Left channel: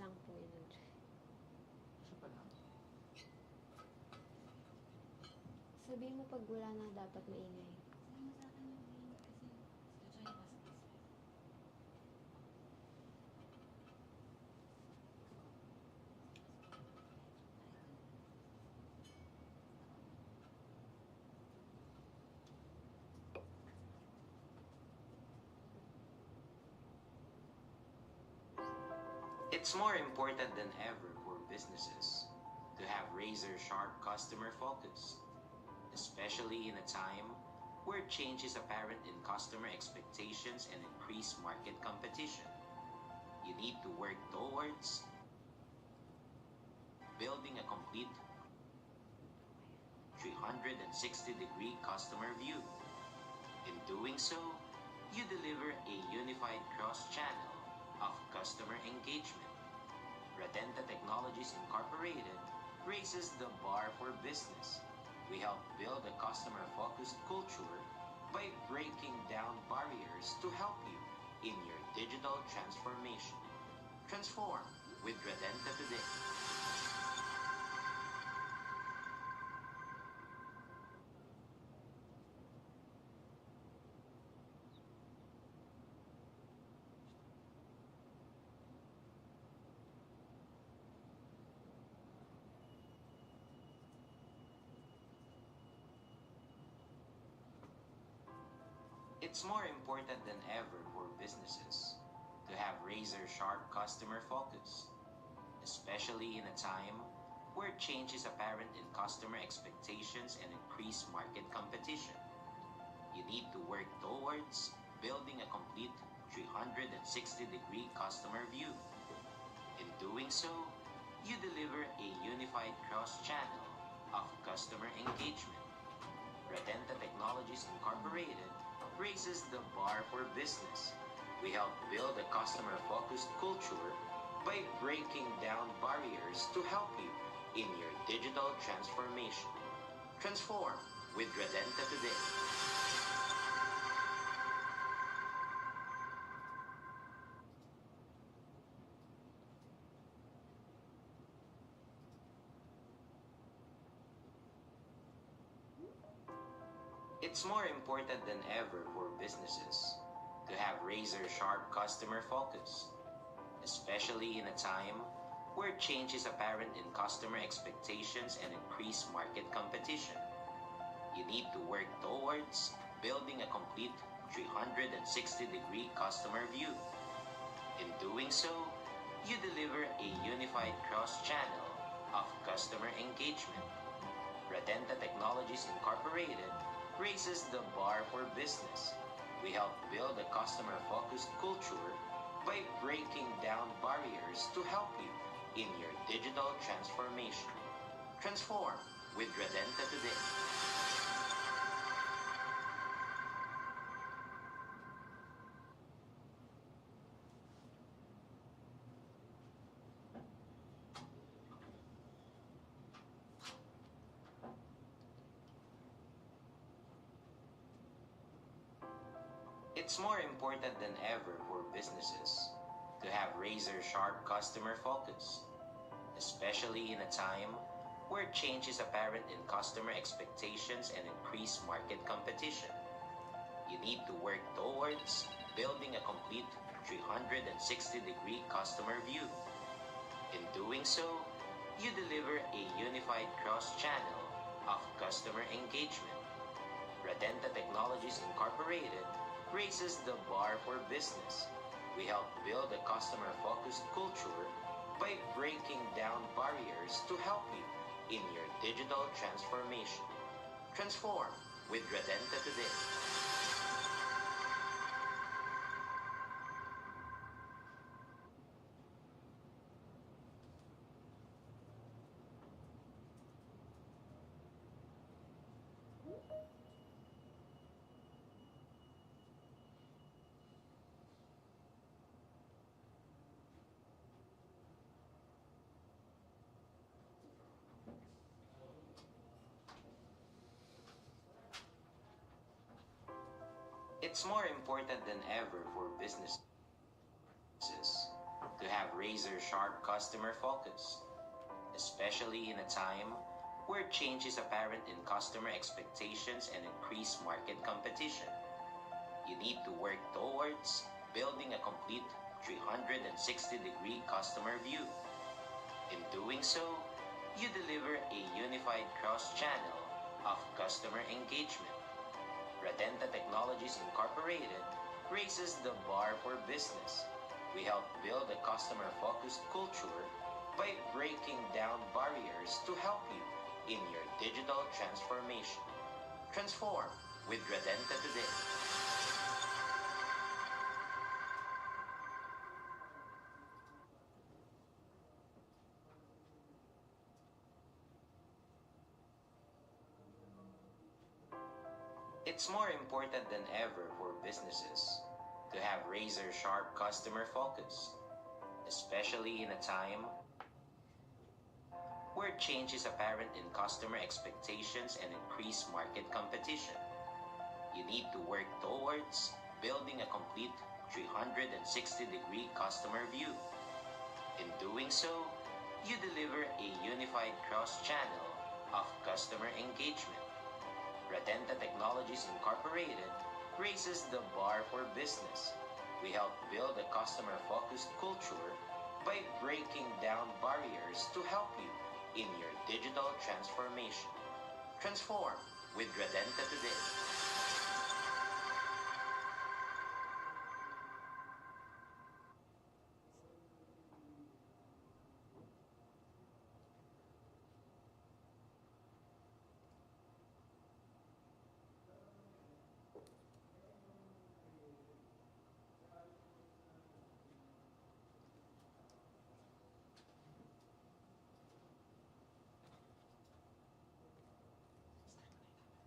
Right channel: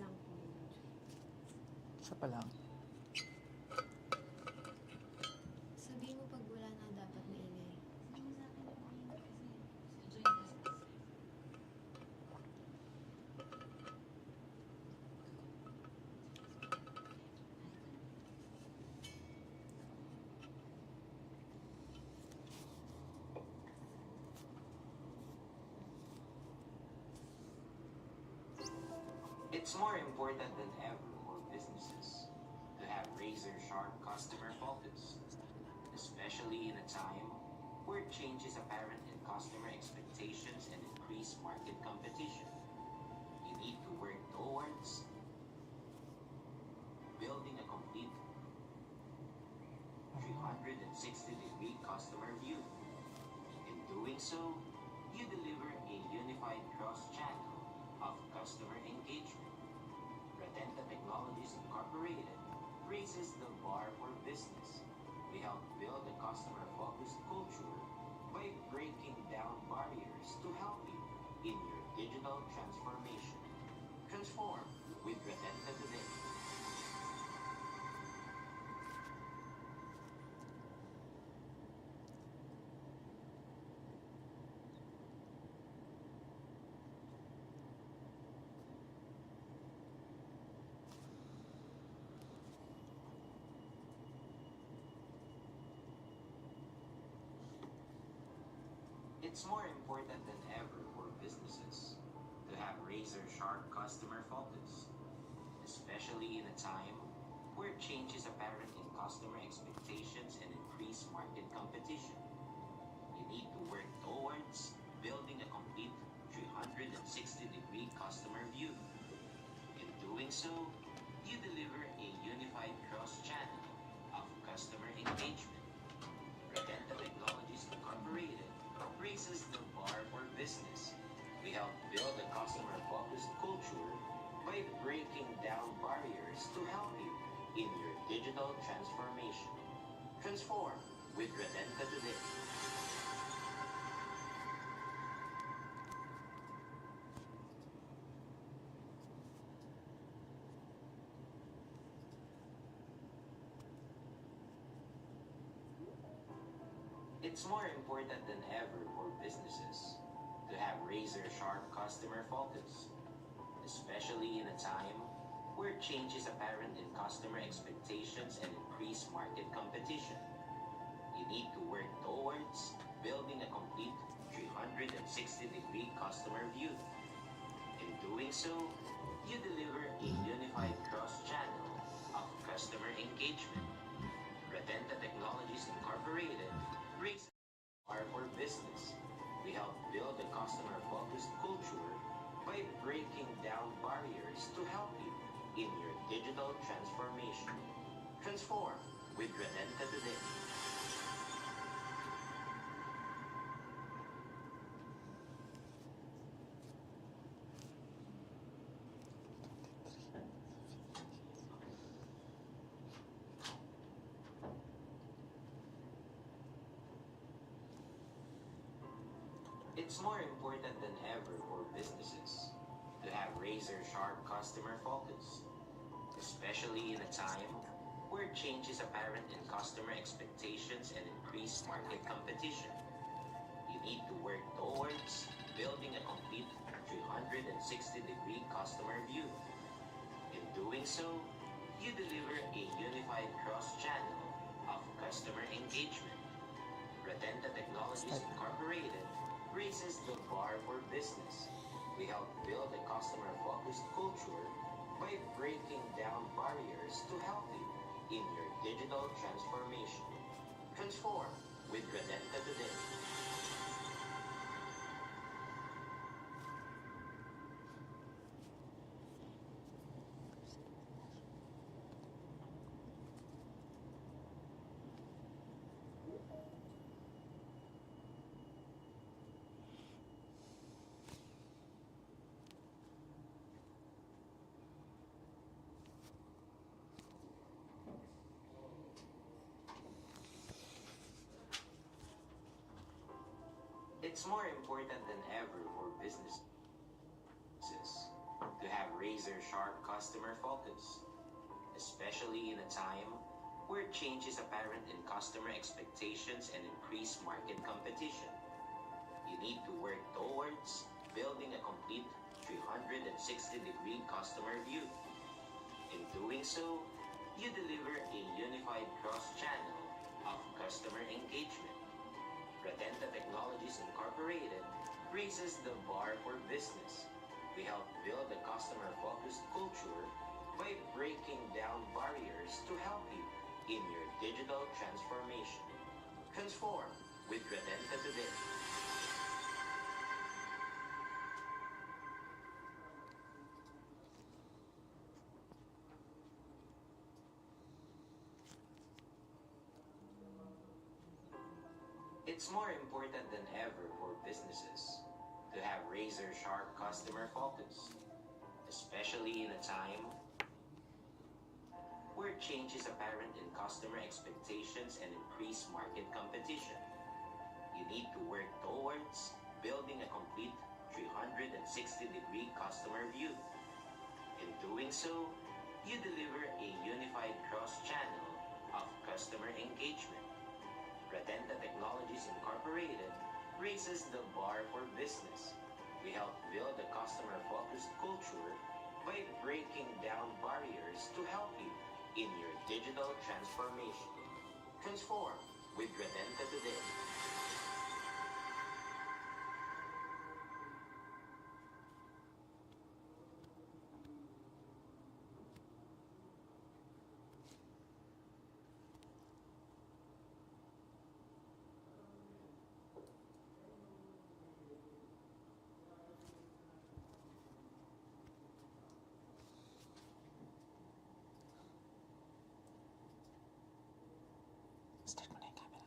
lang po yun. Isa pa lang. Sabihin mo pag wala na dapat maingay. It's more important than ever for businesses to have razor-sharp customer focus, especially in a time where change is apparent in customer expectations and increased market competition. You need to work towards building a complete 360-degree customer view. In doing so, you deliver a unified cross-channel of customer engagement. Radenta Technologies Incorporated raises the bar for business. We help build a customer-focused culture by breaking down barriers to help you in your digital transformation. Transform with Radenta today. It's more important than ever for businesses to have razor-sharp customer focus, especially in a time where change is apparent in customer expectations and increased market competition. You need to work towards building a complete 360-degree customer view. In doing so, you deliver a unified cross-channel of customer engagement. Radenta Technologies Incorporated raises the bar for business. We help build a customer-focused culture by breaking down barriers to help you in your digital transformation. Transform with Radenta today. It's more important than ever for businesses to have razor-sharp customer focus, especially in a time where change is apparent in customer expectations and increased market competition. You need to work towards building a complete 360-degree customer view. In doing so, you deliver a unified cross-channel of customer engagement. Radenta Technologies Incorporated raises the bar for business. We help build a customer-focused culture by breaking down barriers to help you in your digital transformation. Transform with Radenta today. It's more important than ever for businesses to have razor-sharp customer focus, especially in a time where change is apparent in customer expectations and increased market competition. You need to work towards building a complete 360-degree customer view. In doing so, you deliver a unified cross-channel of customer engagement. Radenta Technologies Incorporated raises the bar for business. We help build a customer-focused culture by breaking down barriers to help you in your digital transformation. Transform with Radenta today. It's more important than ever for businesses to have razor-sharp customer focus, especially in a time where change is apparent in customer expectations and increased market competition. You need to work towards building a complete 360-degree customer view. In doing so, you deliver a unified cross-channel of customer engagement. Radenta Technologies Incorporated raises the bar for business. We help build a customer-focused culture by breaking down barriers to help you in your digital transformation. Transform with Radenta today. It's more important than ever for businesses to have razor-sharp customer focus, especially in a time where change is apparent in customer expectations and increased market competition. You need to work towards building a complete 360-degree customer view. In doing so, you deliver a unified cross-channel of customer engagement. Radenta Technologies Incorporated raises the bar for business. We help build a customer-focused culture by breaking down barriers to help you in your digital transformation. Transform with Radenta today. Start mo na yung camera.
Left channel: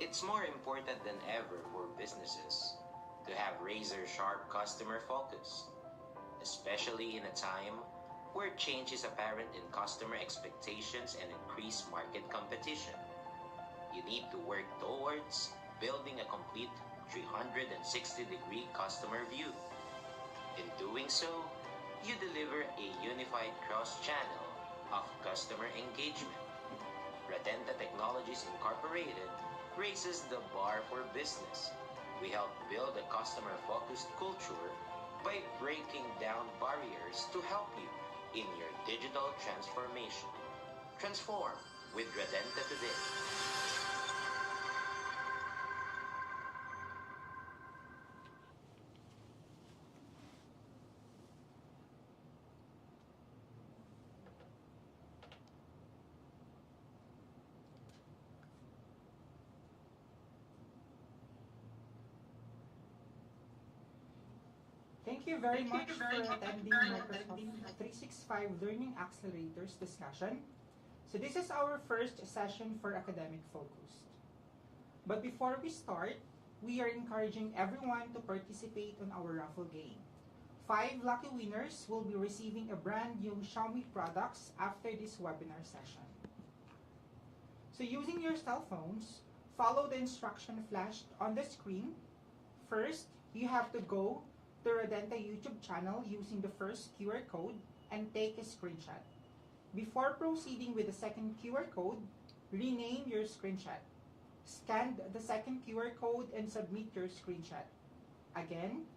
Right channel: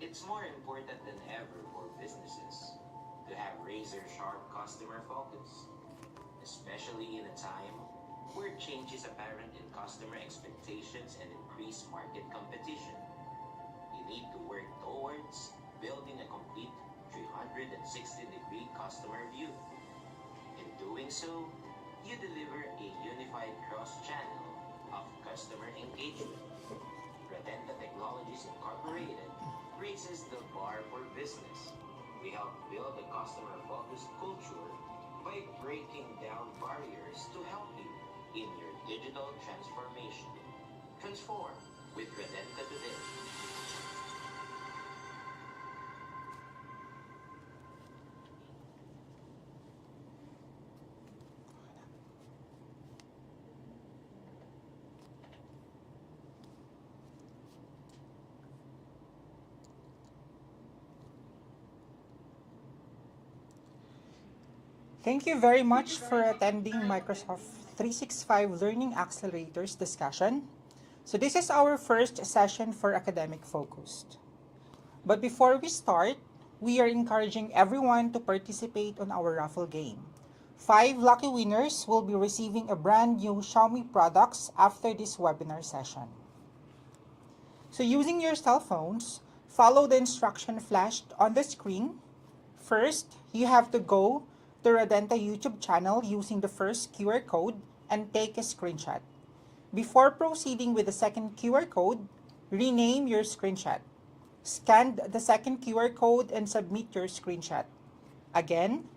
It's more important than ever for businesses to have razor-sharp customer focus, especially in a time where change is apparent in customer expectations and increased market competition. You need to work towards building a complete 360-degree customer view. In doing so, you deliver a unified cross-channel of customer engagement. Radenta Technologies Incorporated raises the bar for business. We help build a customer-focused culture by breaking down barriers to help you in your digital transformation. Transform with Radenta today. Thank you very much for attending Microsoft 365 Learning Accelerators discussion. So this is our first session for academic focused. But before we start, we are encouraging everyone to participate on our raffle game. 5 lucky winners will be receiving a brand new Xiaomi products after this webinar session. So using your cell phones, follow the instruction flashed on the screen. First, you have to go to Radenta YouTube channel using the first QR code and take a screenshot. Before proceeding with the second QR code, rename your screenshot. Scan the second QR code and submit your screenshot. Again,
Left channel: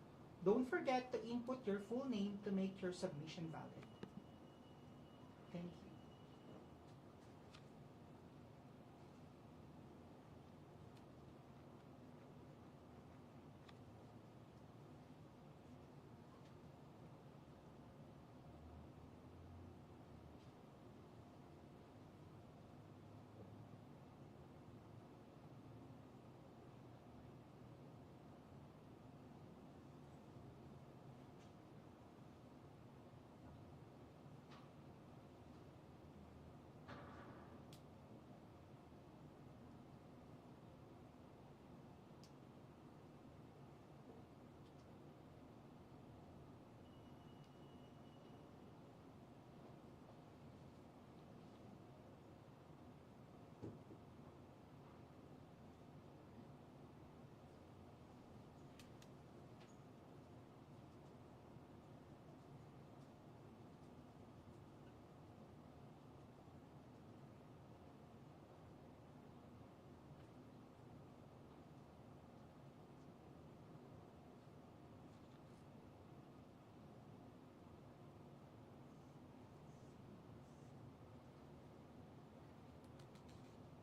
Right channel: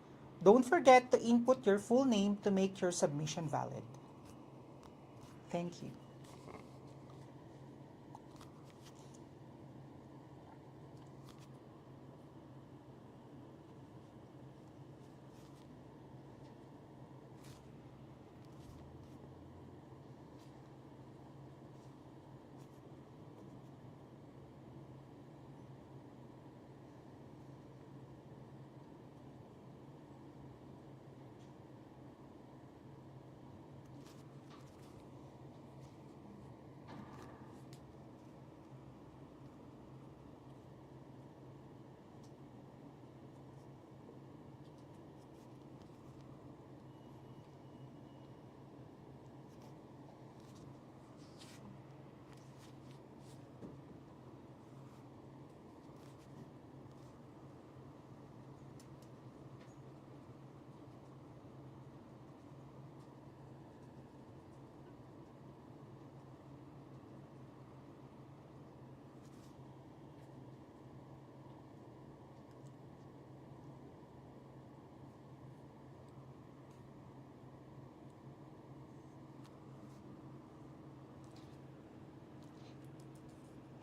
don't forget to input your full name to make your submission valid. Thank you.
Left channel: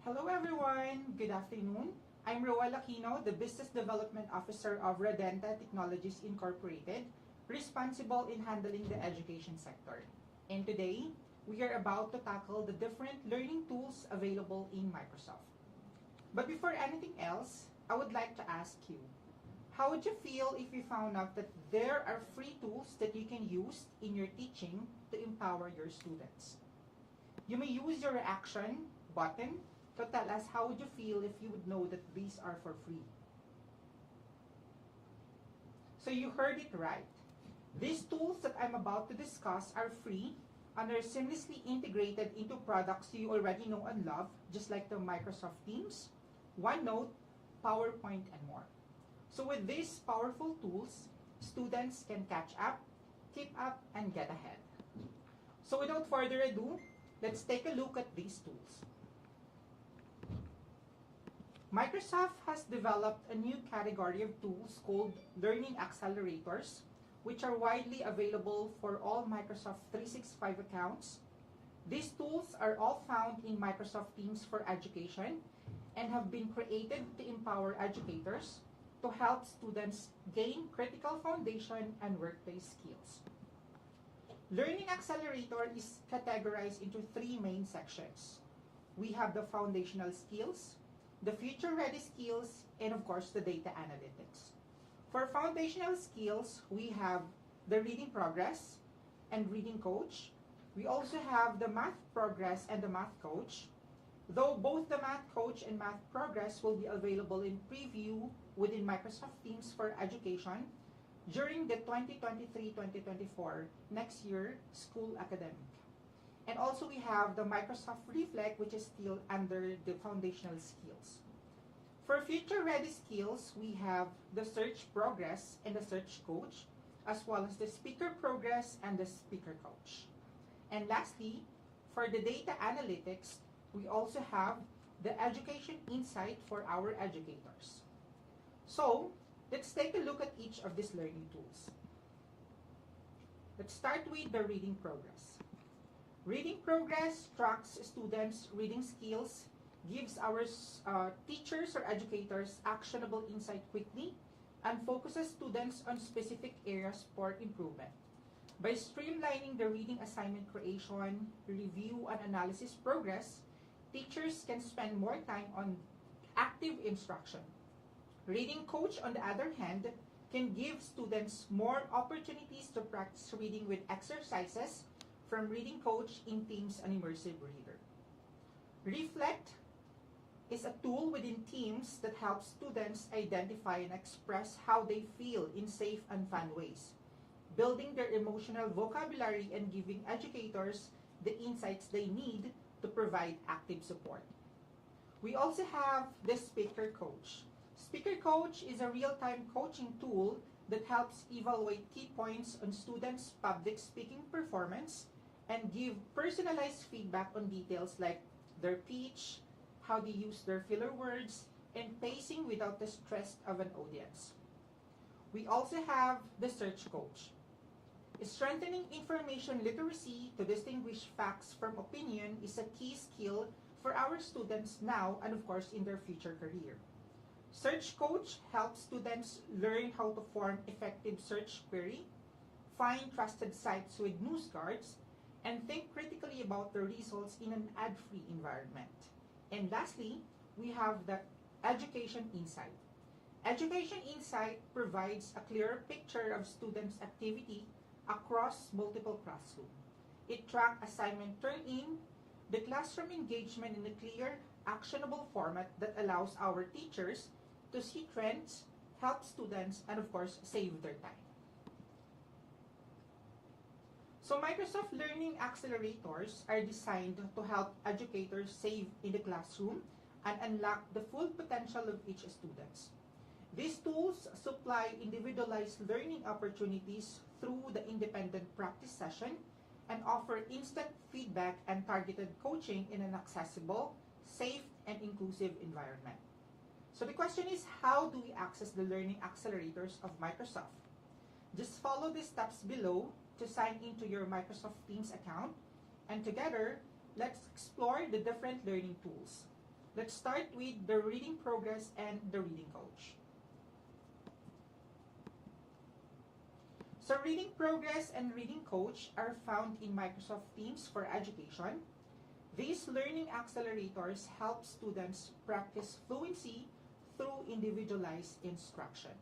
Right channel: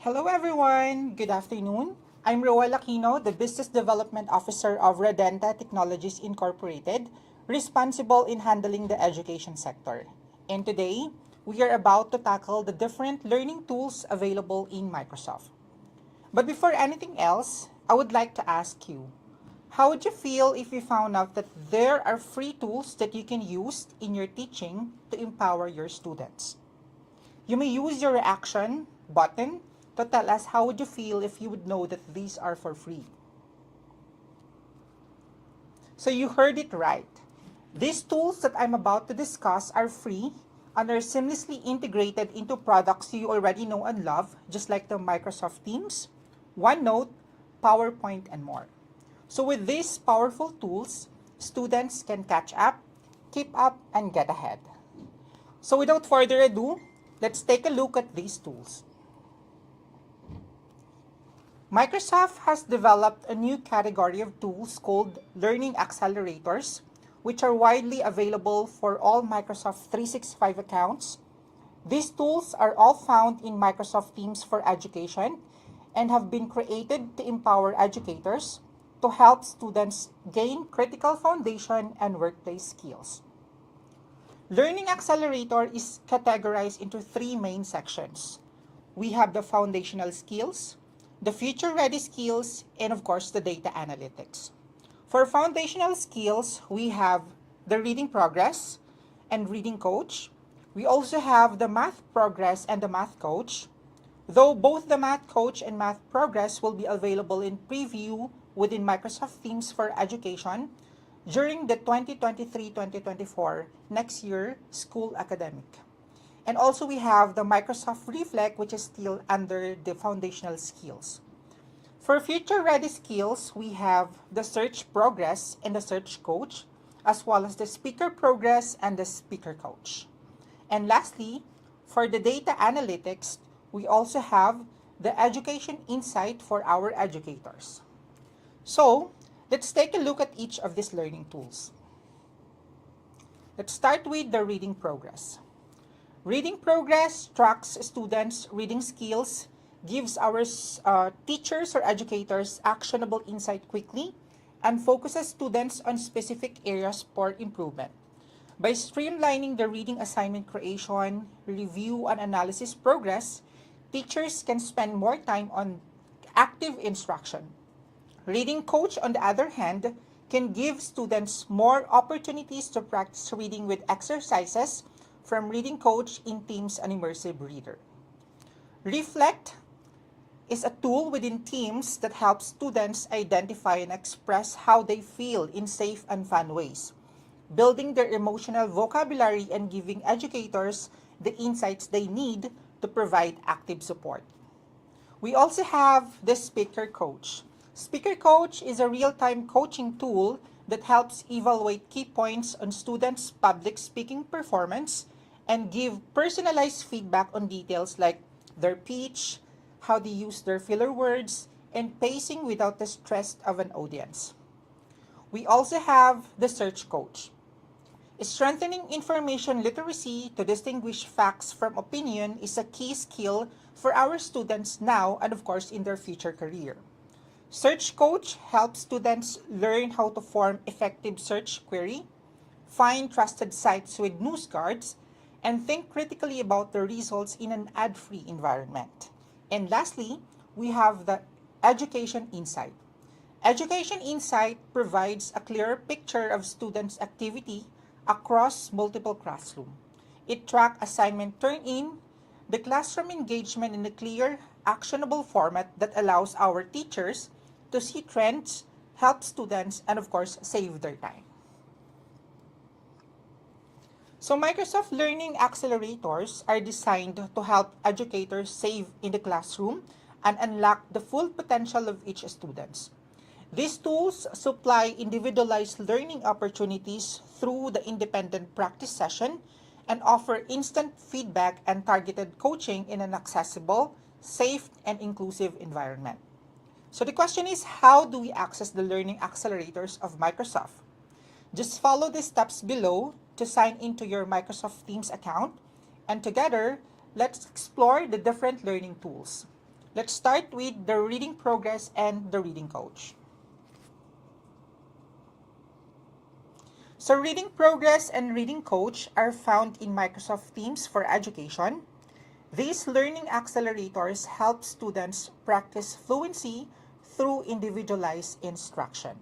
Hello everyone, good afternoon. I'm Roel Aquino, the Business Development Officer of Radenta Technologies Incorporated, responsible in handling the education sector. And today, we are about to tackle the different learning tools available in Microsoft. But before anything else, I would like to ask you, how would you feel if you found out that there are free tools that you can use in your teaching to empower your students? You may use your reaction button to tell us how would you feel if you would know that these are for free. So you heard it right. These tools that I'm about to discuss are free and are seamlessly integrated into products you already know and love, just like the Microsoft Teams, OneNote, PowerPoint, and more. So with these powerful tools, students can catch up, keep up, and get ahead. So without further ado, let's take a look at these tools. Microsoft has developed a new category of tools called Learning Accelerators, which are widely available for all Microsoft 365 accounts. These tools are all found in Microsoft Teams for Education and have been created to empower educators to help students gain critical foundation and workplace skills. Learning Accelerator is categorized into three main sections. We have the foundational skills, the future-ready skills, and of course, the data analytics. For foundational skills, we have the reading progress and reading coach. We also have the math progress and the math coach, though both the math coach and math progress will be available in preview within Microsoft Teams for Education during the 2023-2024 next year school academic. And also we have the Microsoft Reflect, which is still under the foundational skills. For future-ready skills, we have the search progress and the search coach, as well as the speaker progress and the speaker coach. And lastly, for the data analytics, we also have the education insight for our educators. So, let's take a look at each of these learning tools. Let's start with the reading progress. Reading progress tracks students' reading skills, gives our teachers or educators actionable insight quickly, and focuses students on specific areas for improvement. By streamlining the reading assignment creation, review, and analysis progress, teachers can spend more time on active instruction. Reading coach, on the other hand, can give students more opportunities to practice reading with exercises from reading coach in Teams and Immersive Reader. Reflect is a tool within Teams that helps students identify and express how they feel in safe and fun ways, building their emotional vocabulary and giving educators the insights they need to provide active support. We also have the Speaker Coach. Speaker Coach is a real-time coaching tool that helps evaluate key points on students' public speaking performance and give personalized feedback on details like their pitch, how they use their filler words, and pacing without the stress of an audience. We also have the search coach. Strengthening information literacy to distinguish facts from opinion is a key skill for our students now and, of course, in their future career. Search Coach helps students learn how to form effective search query, find trusted sites with news cards, and think critically about the results in an ad-free environment. And lastly, we have the Education Insight. Education Insight provides a clearer picture of students' activity across multiple classrooms. It tracks assignment turn-in, the classroom engagement in a clear, actionable format that allows our teachers to see trends, help students, and of course, save their time. So Microsoft Learning Accelerators are designed to help educators save in the classroom and unlock the full potential of each student. These tools supply individualized learning opportunities through the independent practice session and offer instant feedback and targeted coaching in an accessible, safe, and inclusive environment. So the question is, how do we access the learning accelerators of Microsoft? Just follow the steps below to sign into your Microsoft Teams account, and together, let's explore the different learning tools. Let's start with the reading progress and the reading coach. So reading progress and reading coach are found in Microsoft Teams for Education. These learning accelerators help students practice fluency through individualized instruction.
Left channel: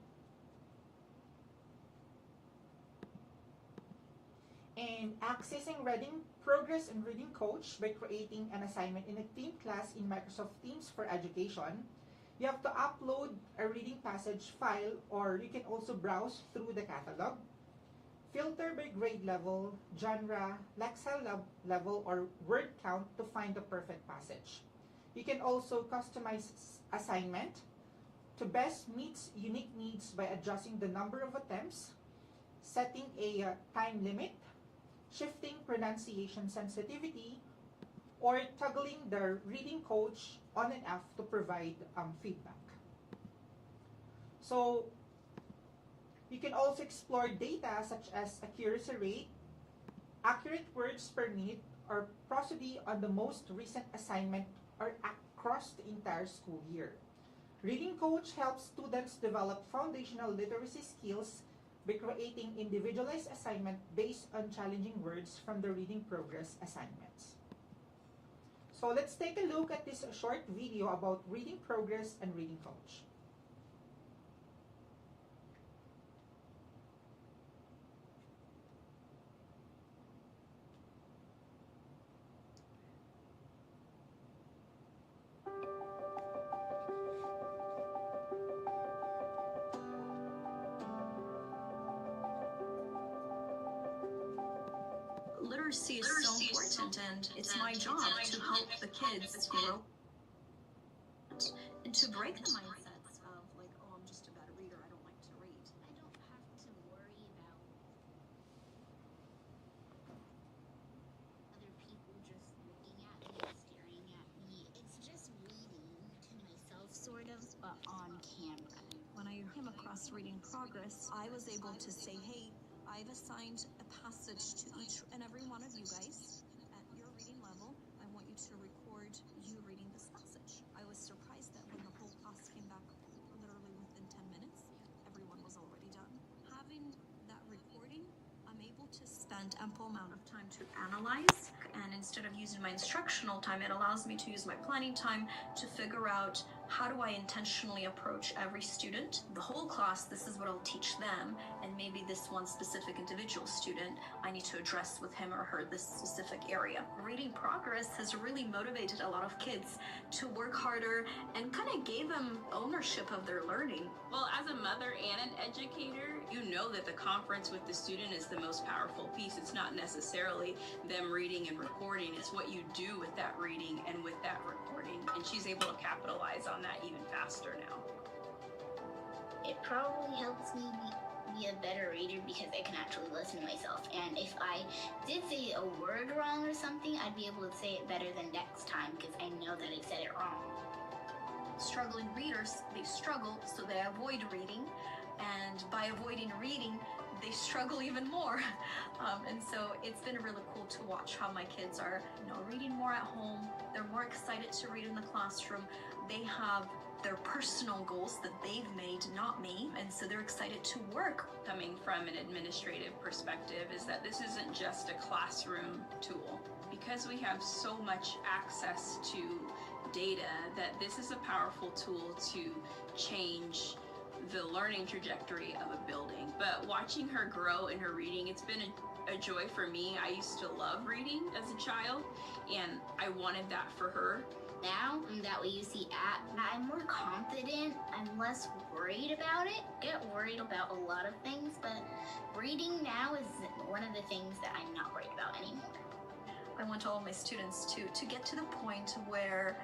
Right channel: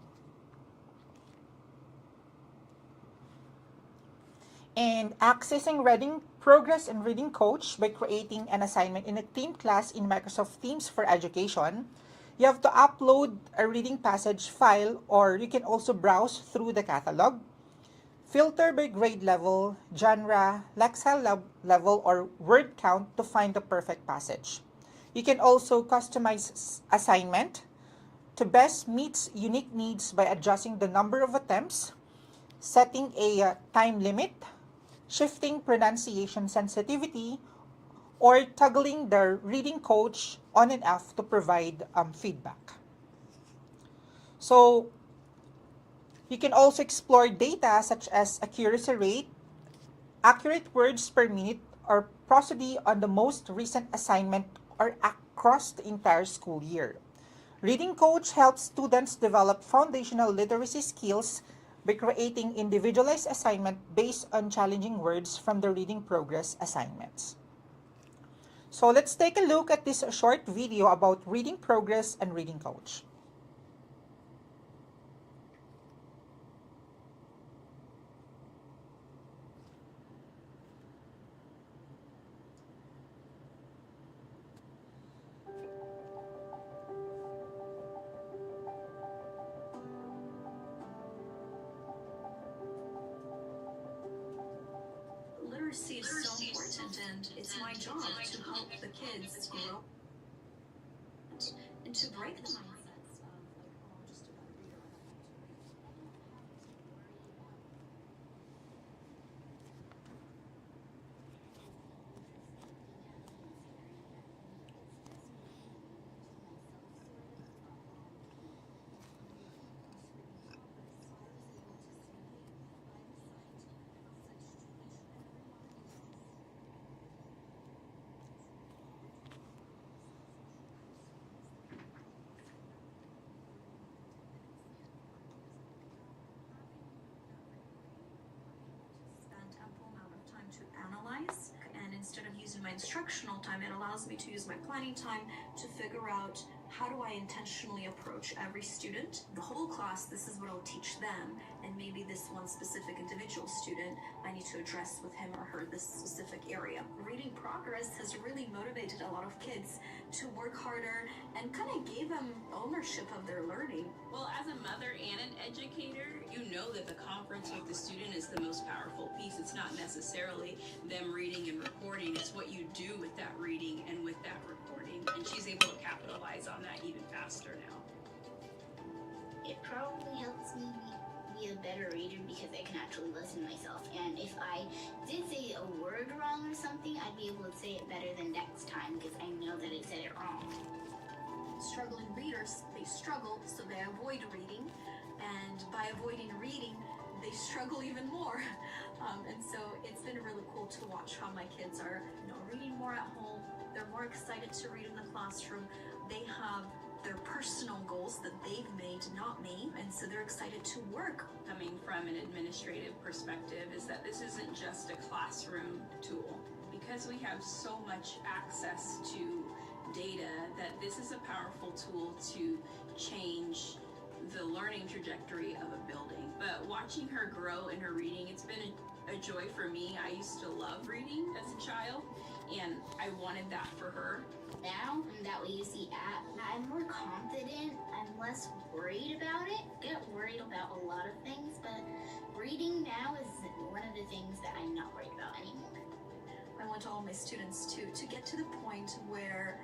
And accessing reading progress and reading coach by creating an assignment in a team class in Microsoft Teams for Education, you have to upload a reading passage file, or you can also browse through the catalog. Filter by grade level, genre, Lexile level, or word count to find the perfect passage. You can also customize assignment to best meet unique needs by adjusting the number of attempts, setting a time limit, shifting pronunciation sensitivity, or toggling the reading coach on and off to provide feedback. So you can also explore data such as accuracy rate, accurate words per minute, or prosody on the most recent assignment or across the entire school year. Reading Coach helps students develop foundational literacy skills by creating individualized assignment based on challenging words from the reading progress assignments. So let's take a look at this short video about reading progress and reading coach. Literacy is so important, and it's my job to help the kids grow and to break the mindsets of like, oh, I'm just a bad reader, I don't like to read. When I came across reading progress, I was able to say, hey, I've assigned a passage to each and every one of you guys. At your reading level, I want you to record you reading this passage. I was surprised that when the whole class came back literally within 10 minutes, everyone was already done. Having that recording, I'm able to spend ample amount of time to analyze, and instead of using my instructional time, it allows me to use my planning time to figure out how do I intentionally approach every student. The whole class, this is what I'll teach them, and maybe this one specific individual student, I need to address with him or her this specific area. Reading progress has really motivated a lot of kids to work harder and kind of gave them ownership of their learning. Well, as a mother and an educator, you know that the conference with the student is the most powerful piece. It's not necessarily them reading and recording, it's what you do with that reading and with that recording. And she's able to capitalize on that even faster now. It probably helps me be a better reader because I can actually listen to myself. And if I did say a word wrong or something, I'd be able to say it better the next time because I know that I said it wrong. Struggling readers, they struggle, so they avoid reading. And by avoiding reading, they struggle even more. And so it's been really cool to watch how my kids are, reading more at home. They're more excited to read in the classroom. They have their personal goals that they've made, not me, and so they're excited to work. Coming from an administrative perspective is that this isn't just a classroom tool. Because we have so much access to data, that this is a powerful tool to change the learning trajectory of a building. But watching her grow in her reading, it's been a joy for me. I used to love reading as a child, and I wanted that for her. Now that we use the app, I'm more confident. I'm less worried about it. Get worried about a lot of things, but reading now is one of the things that I'm not worried about anymore. I want all my students to get to the point where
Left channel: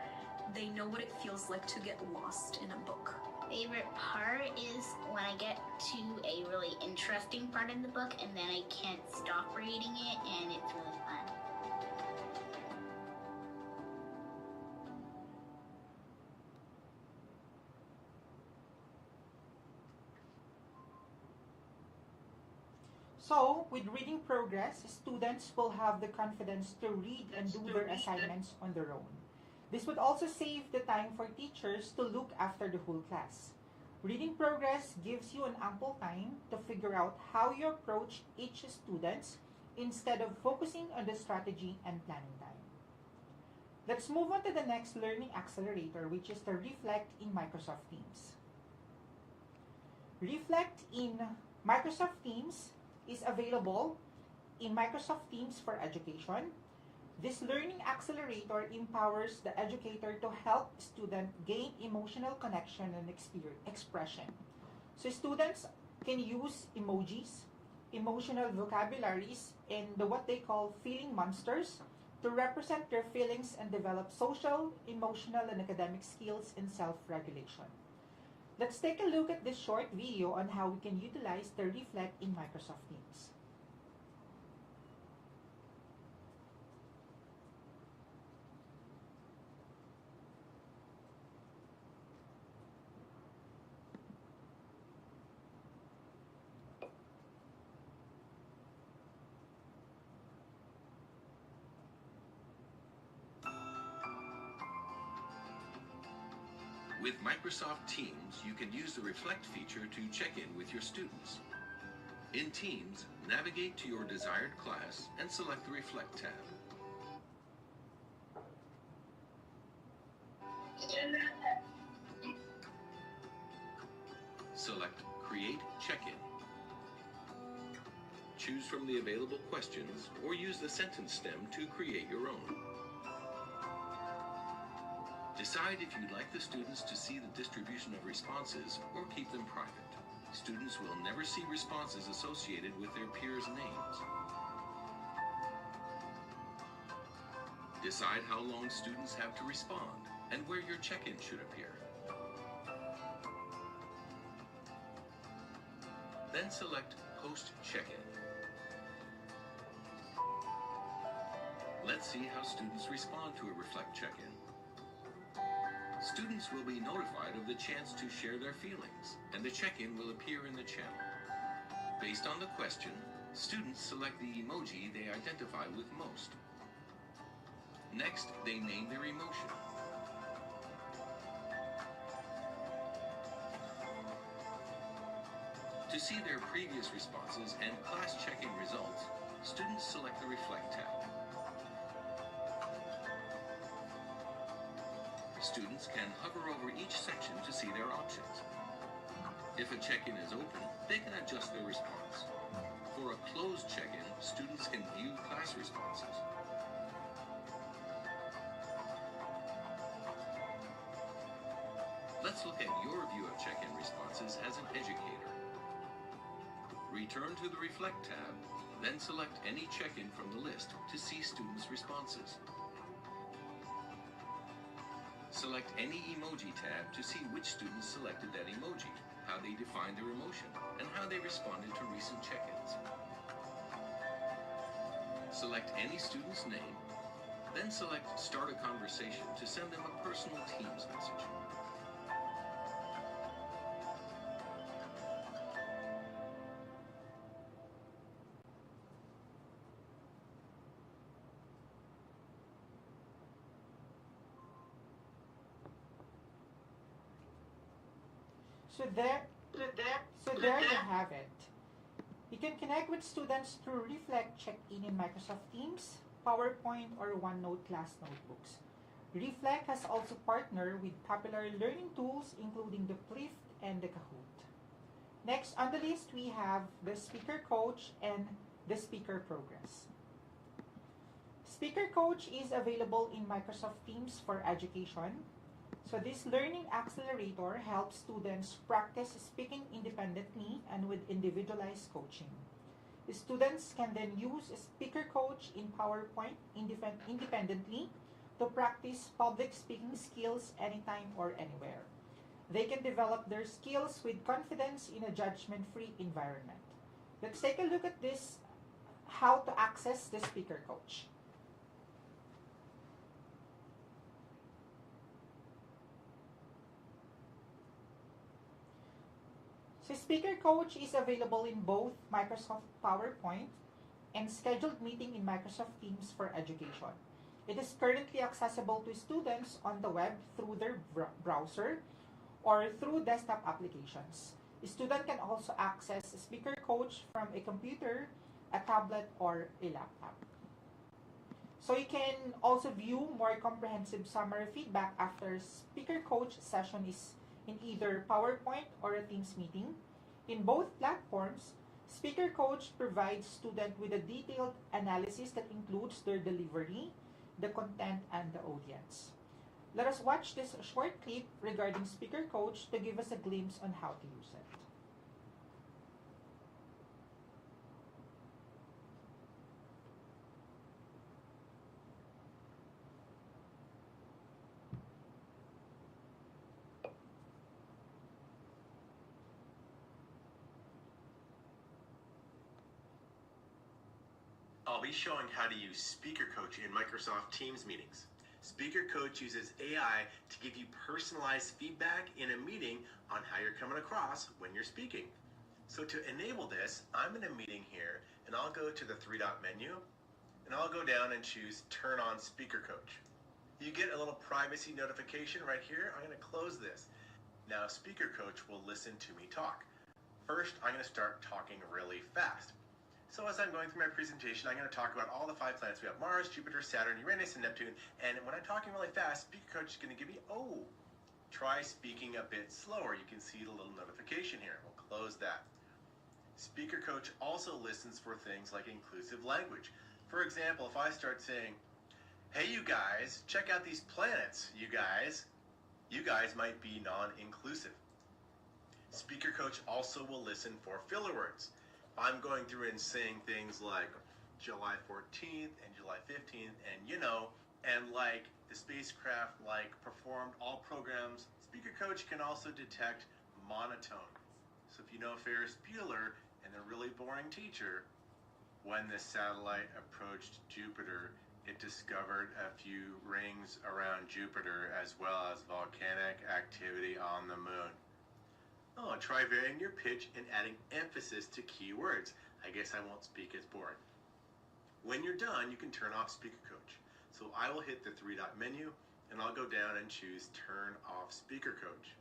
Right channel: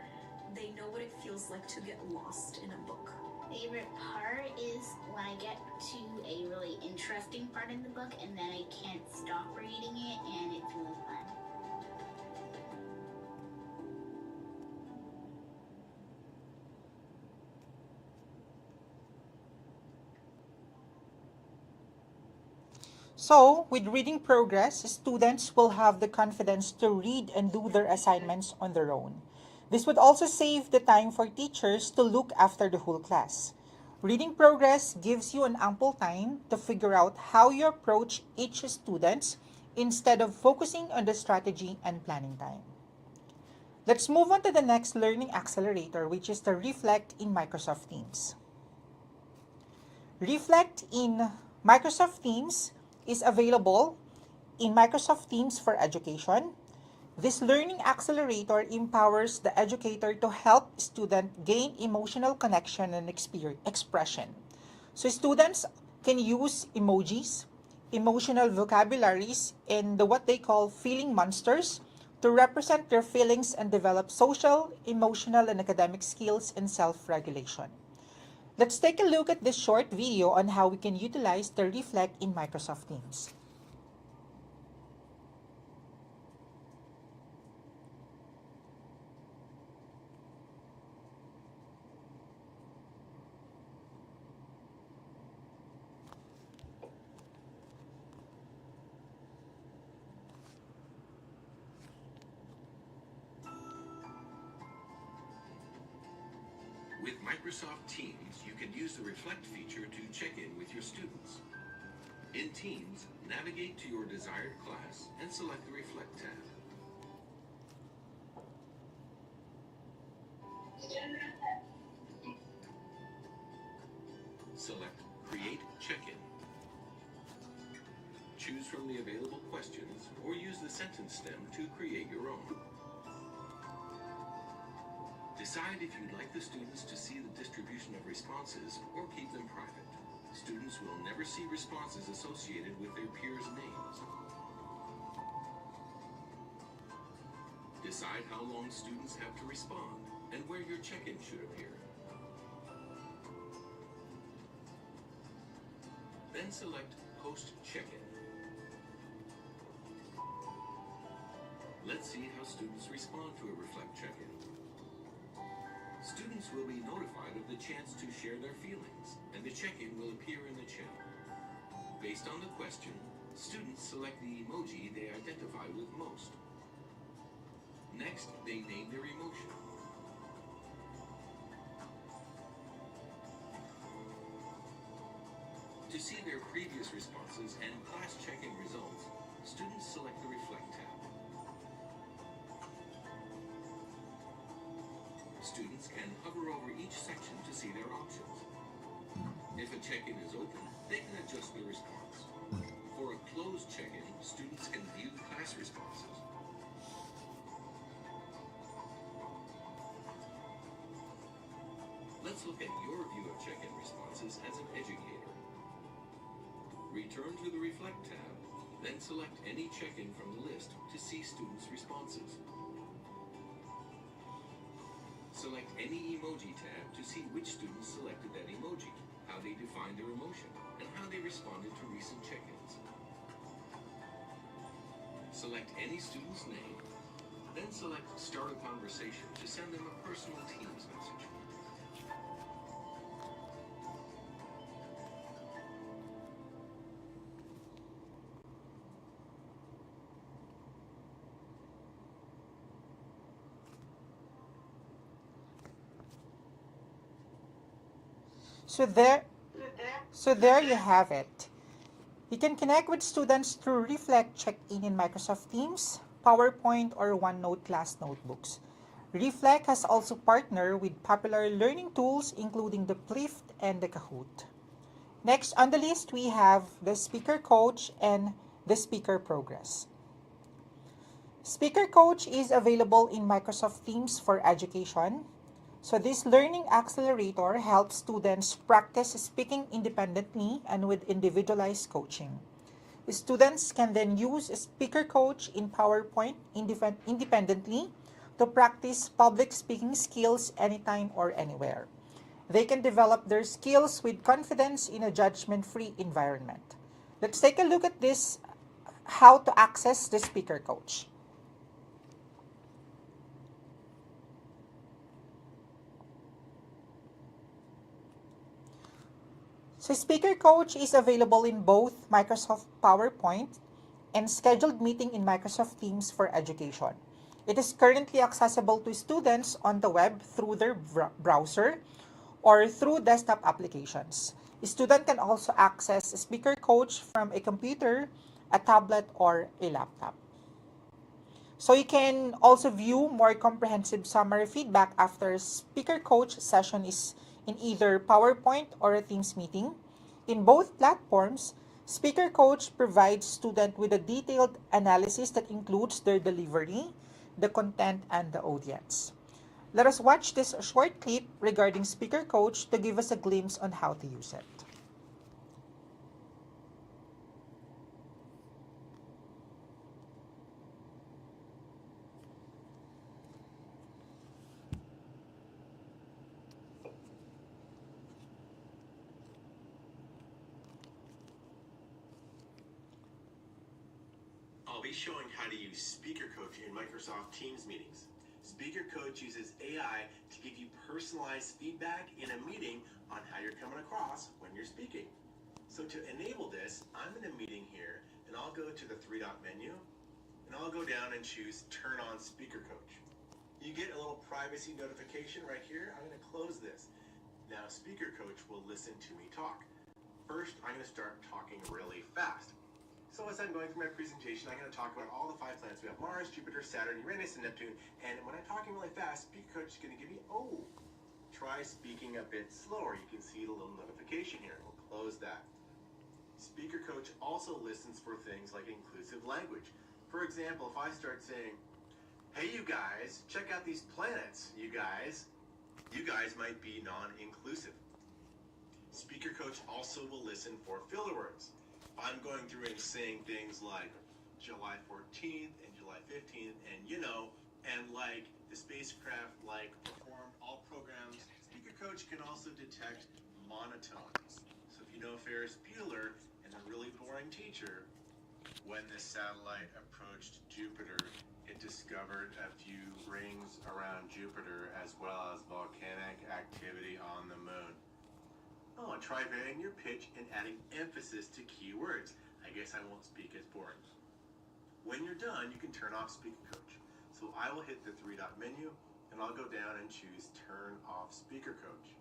they know what it feels like to get lost in a book. Favorite part is when I get to a really interesting part of the book and then I can't stop reading it, and it's really fun. So, with reading progress, students will have the confidence to read and do their assignments on their own. This would also save the time for teachers to look after the whole class. Reading progress gives you an ample time to figure out how you approach each student instead of focusing on the strategy and planning time. Let's move on to the next learning accelerator, which is the Reflect in Microsoft Teams. Reflect in Microsoft Teams is available in Microsoft Teams for Education. This learning accelerator empowers the educator to help students gain emotional connection and expression. So students can use emojis, emotional vocabularies, and what they call feeling monsters to represent their feelings and develop social, emotional, and academic skills and self-regulation. Let's take a look at this short video on how we can utilize the Reflect in Microsoft Teams. With Microsoft Teams, you can use the Reflect feature to check in with your students. In Teams, navigate to your desired class and select the Reflect tab. Select Create Check-in. Choose from the available questions or use the sentence stem to create your own. Decide if you'd like the students to see the distribution of responses or keep them private. Students will never see responses associated with their peers' names. Decide how long students have to respond and where your check-in should appear. Then select Post Check-in. Let's see how students respond to a Reflect check-in. Students will be notified of the chance to share their feelings, and the check-in will appear in the channel. Based on the question, students select the emoji they identify with most. Next, they name their emotion. To see their previous responses and class check-in results, students select the Reflect tab. Students can hover over each section to see their options. If a check-in is open, they can adjust their response. For a closed check-in, students can view class responses. Let's look at your view of check-in responses as an educator. Return to the Reflect tab, then select any check-in from the list to see students' responses. Select any emoji tab to see which students selected that emoji. how they defined their emotion and how they responded to recent check-ins. Select any student's name, then select Start a Conversation to send them a personal Teams message. So there you have it. You can connect with students through Reflect Check-in in Microsoft Teams, PowerPoint, or OneNote class notebooks. Reflect has also partnered with popular learning tools including the Plift and the Kahoot. Next on the list, we have the Speaker Coach and the Speaker Progress. Speaker Coach is available in Microsoft Teams for education. So this learning accelerator helps students practice speaking independently and with individualized coaching. Students can then use Speaker Coach in PowerPoint independently to practice public speaking skills anytime or anywhere. They can develop their skills with confidence in a judgment-free environment. Let's take a look at this, how to access the Speaker Coach. So Speaker Coach is available in both Microsoft PowerPoint and scheduled meeting in Microsoft Teams for education. It is currently accessible to students on the web through their browser or through desktop applications. A student can also access Speaker Coach from a computer, a tablet, or a laptop. So you can also view more comprehensive summary feedback after Speaker Coach session is in either PowerPoint or a Teams meeting. In both platforms, Speaker Coach provides students with a detailed analysis that includes their delivery, the content, and the audience. Let us watch this short clip regarding Speaker Coach to give us a glimpse on how to use it. I'll be showing how to use Speaker Coach in Microsoft Teams meetings. Speaker Coach uses AI to give you personalized feedback in a meeting on how you're coming across when you're speaking. So to enable this, I'm in a meeting here, and I'll go to the three-dot menu, and I'll go down and choose Turn on Speaker Coach. You get a little privacy notification right here. I'm going to close this. Now Speaker Coach will listen to me talk. First, I'm going to start talking really fast. So as I'm going through my presentation, I'm going to talk about all the 5 planets. We have Mars, Jupiter, Saturn, Uranus, and Neptune. And when I'm talking really fast, Speaker Coach is going to give me, try speaking a bit slower. You can see the little notification here. We'll close that. Speaker Coach also listens for things like inclusive language. For example, if I start saying, hey, you guys, check out these planets, you guys might be non-inclusive. Speaker Coach also will listen for filler words. I'm going through and saying things like July 14th and July 15th and like the spacecraft performed all programs. Speaker Coach can also detect monotone. So if you know Ferris Bueller and a really boring teacher, when the satellite approached Jupiter, it discovered a few rings around Jupiter as well as volcanic activity on the moon. Try varying your pitch and adding emphasis to key words. I guess I won't speak as boring. When you're done, you can turn off Speaker Coach. So I will hit the three-dot menu, and I'll go down and choose Turn Off Speaker Coach.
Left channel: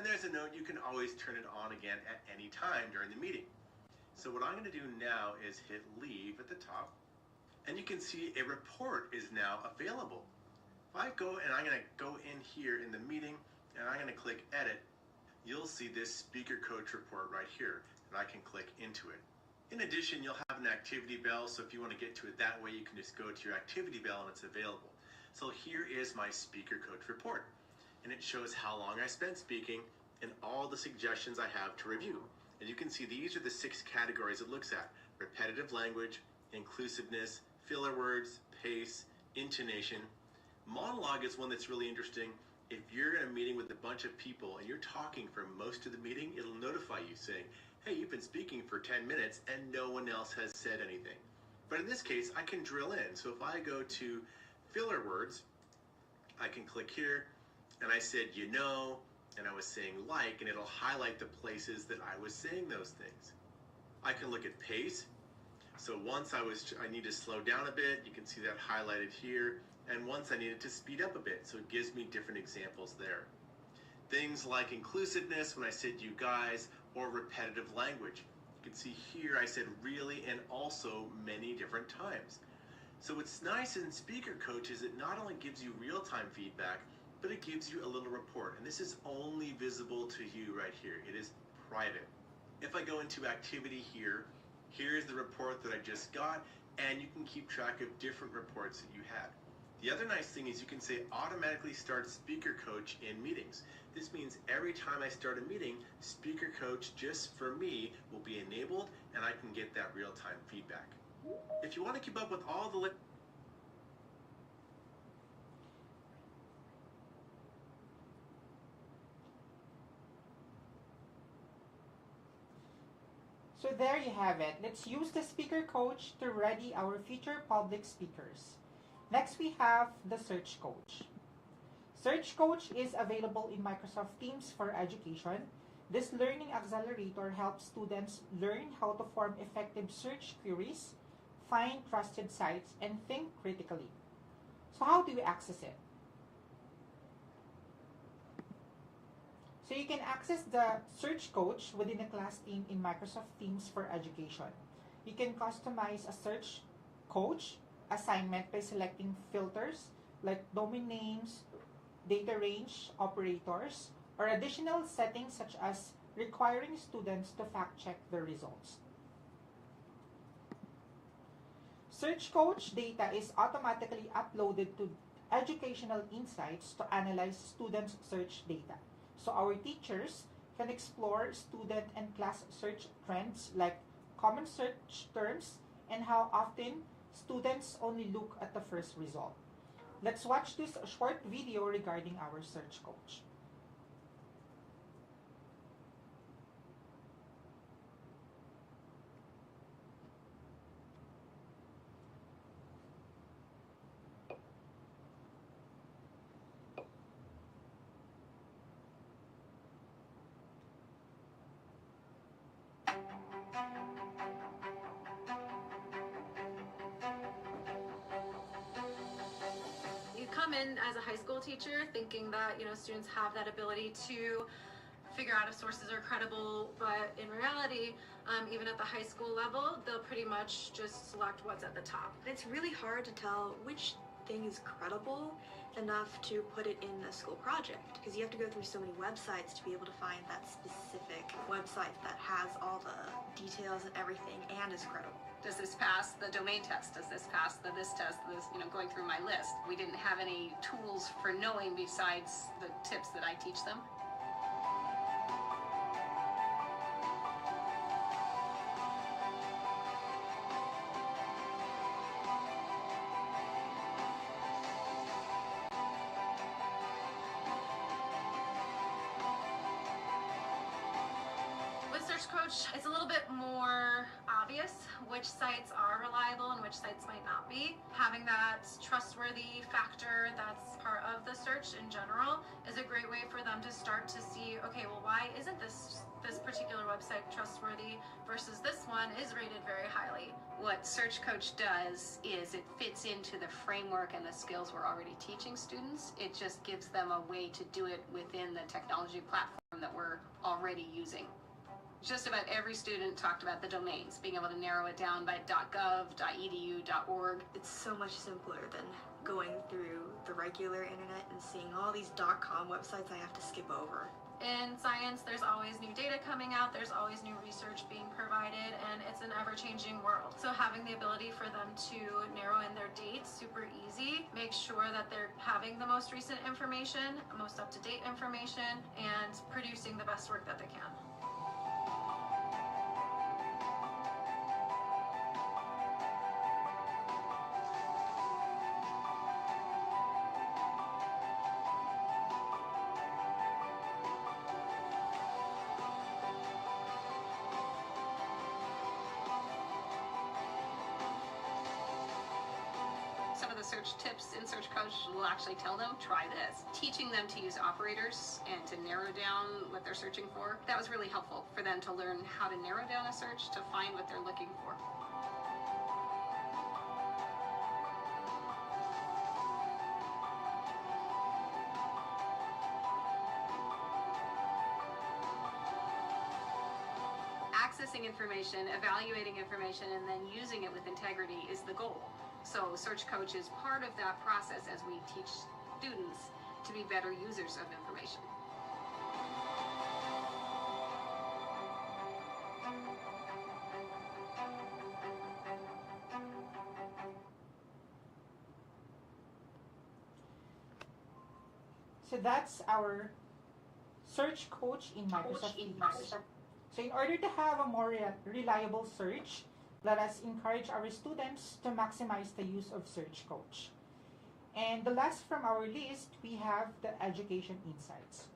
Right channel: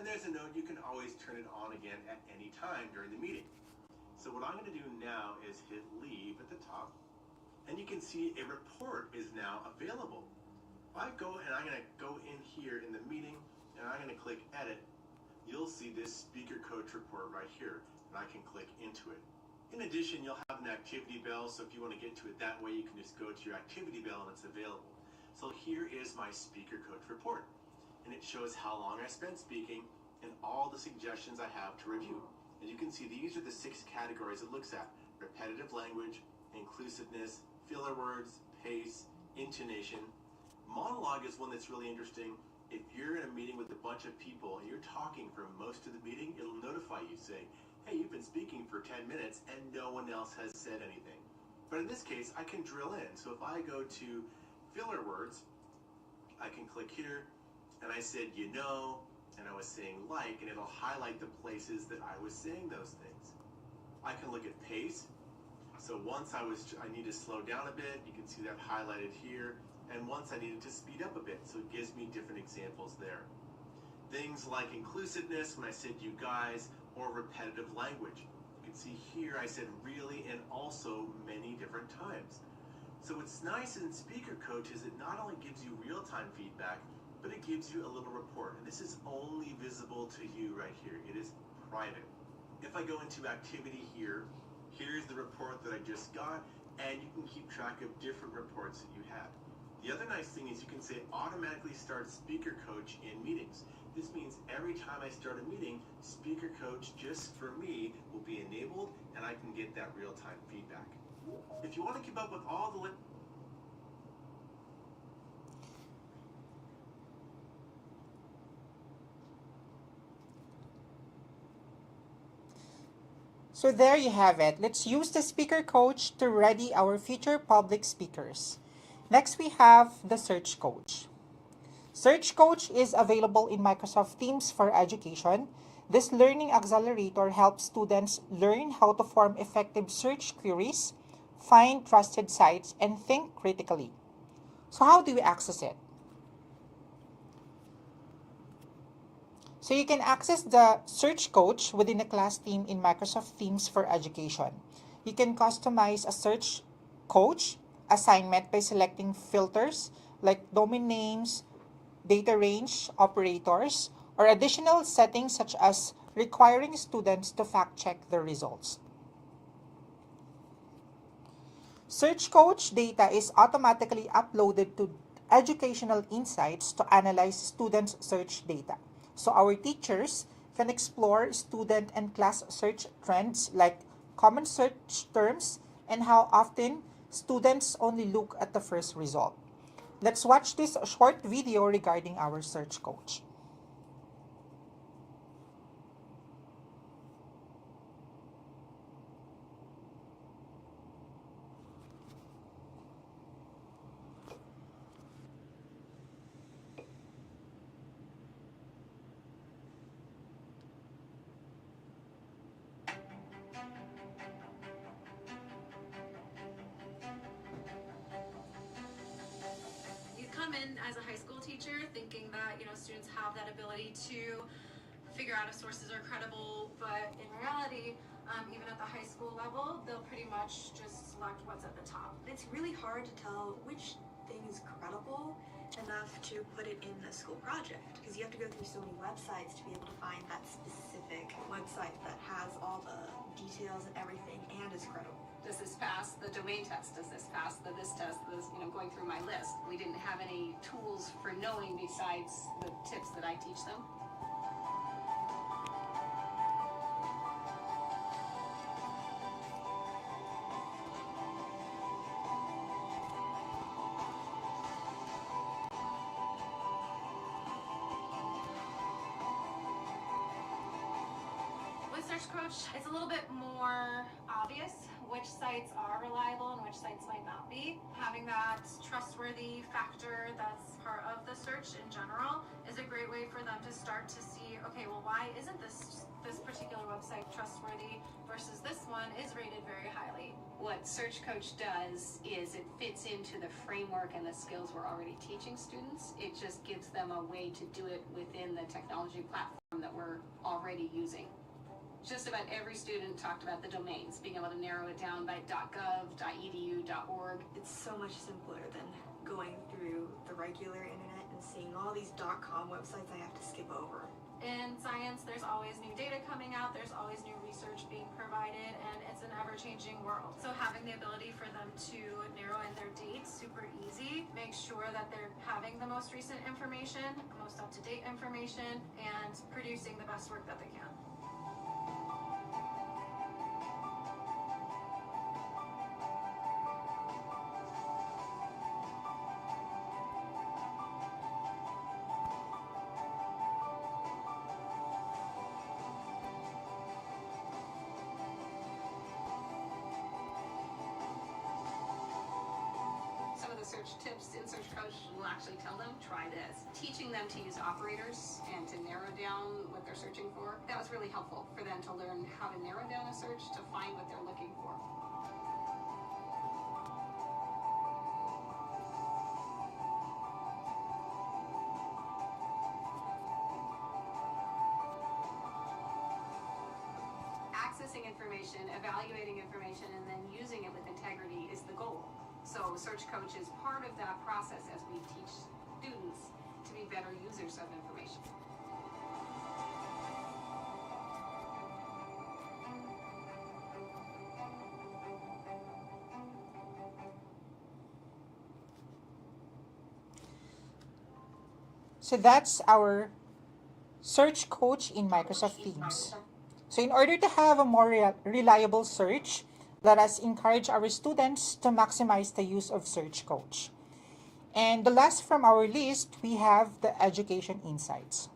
And there's a note, you can always turn it on again at any time during the meeting. So what I'm going to do now is hit Leave at the top, and you can see a report is now available. If I go and I'm going to go in here in the meeting, and I'm going to click Edit, you'll see this Speaker Coach report right here, and I can click into it. In addition, you'll have an activity bell, so if you want to get to it that way, you can just go to your activity bell and it's available. So here is my Speaker Coach report, and it shows how long I spent speaking and all the suggestions I have to review. As you can see, these are the 6 categories it looks at: repetitive language, inclusiveness, filler words, pace, intonation. Monologue is one that's really interesting. If you're in a meeting with a bunch of people and you're talking for most of the meeting, it'll notify you saying, hey, you've been speaking for 10 minutes and no one else has said anything. But in this case, I can drill in. So if I go to filler words, I can click here and I said, and I was saying like, and it'll highlight the places that I was saying those things. I can look at pace. So once I need to slow down a bit, you can see that highlighted here. And once I needed to speed up a bit, so it gives me different examples there. Things like inclusiveness, when I said you guys, or repetitive language. You can see here I said really and also many different times. So what's nice in Speaker Coach is it not only gives you real-time feedback, but it gives you a little report. And this is only visible to you right here. It is private. If I go into activity here, here's the report that I just got, and you can keep track of different reports that you have. The other nice thing is you can say automatically start Speaker Coach in meetings. This means every time I start a meeting, Speaker Coach just for me will be enabled and I can get that real-time feedback. If you want to keep up with all the So there you have it. Let's use the Speaker Coach to ready our future public speakers. Next, we have the Search Coach. Search Coach is available in Microsoft Teams for Education. This learning accelerator helps students learn how to form effective search queries, find trusted sites, and think critically. So how do we access it? So you can access the Search Coach within the class team in Microsoft Teams for Education. You can customize a Search Coach assignment by selecting filters like domain names, data range operators, or additional settings such as requiring students to fact-check their results. Search Coach data is automatically uploaded to Educational Insights to analyze students' search data. So our teachers can explore student and class search trends like common search terms and how often students only look at the first result. Let's watch this short video regarding our Search Coach. As a high school teacher thinking that students have that ability to figure out if sources are credible, but in reality, even at the high school level, they'll pretty much just select what's at the top. It's really hard to tell which thing is credible enough to put it in the school project because you have to go through so many websites to be able to find that specific website that has all the details and everything and is credible. Does this pass the domain test? Does this pass this test? This, going through my list. We didn't have any tools for knowing besides the tips that I teach them. With Search Coach, it's a little bit more obvious which sites are reliable and which sites might not be. Having that trustworthy factor that's part of the search in general is a great way for them to start to see, okay, well, why isn't this particular website trustworthy versus this one is rated very highly. What Search Coach does is it fits into the framework and the skills we're already teaching students. It just gives them a way to do it within the technology platform that we're already using. Just about every student talked about the domains, being able to narrow it down by .gov, .edu, .org. It's so much simpler than going through the regular internet and seeing all these .com websites I have to skip over. In science, there's always new data coming out, there's always new research being provided, and it's an ever-changing world. So having the ability for them to narrow in their dates super easy, make sure that they're having the most recent information, the most up-to-date information, and producing the best work that they can. actually tell them, try this. Teaching them to use operators and to narrow down what they're searching for, that was really helpful for them to learn how to narrow down a search to find what they're looking for. Accessing information, evaluating information, and then using it with integrity is the goal. So Search Coach is part of that process as we teach students to be better users of information. So that's our search coach in Microsoft Teams. So in order to have a more reliable search, let us encourage our students to maximize the use of Search Coach. And the last from our list, we have the education insights.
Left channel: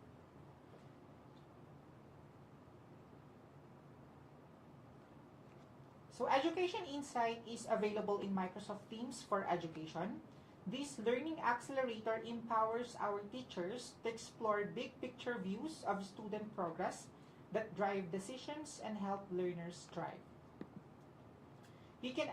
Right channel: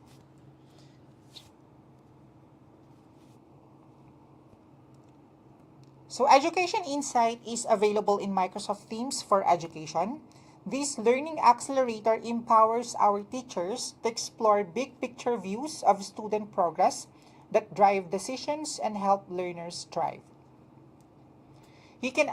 So Education Insight is available in Microsoft Teams for Education. This learning accelerator empowers our teachers to explore big picture views of student progress that drive decisions and help learners thrive. You can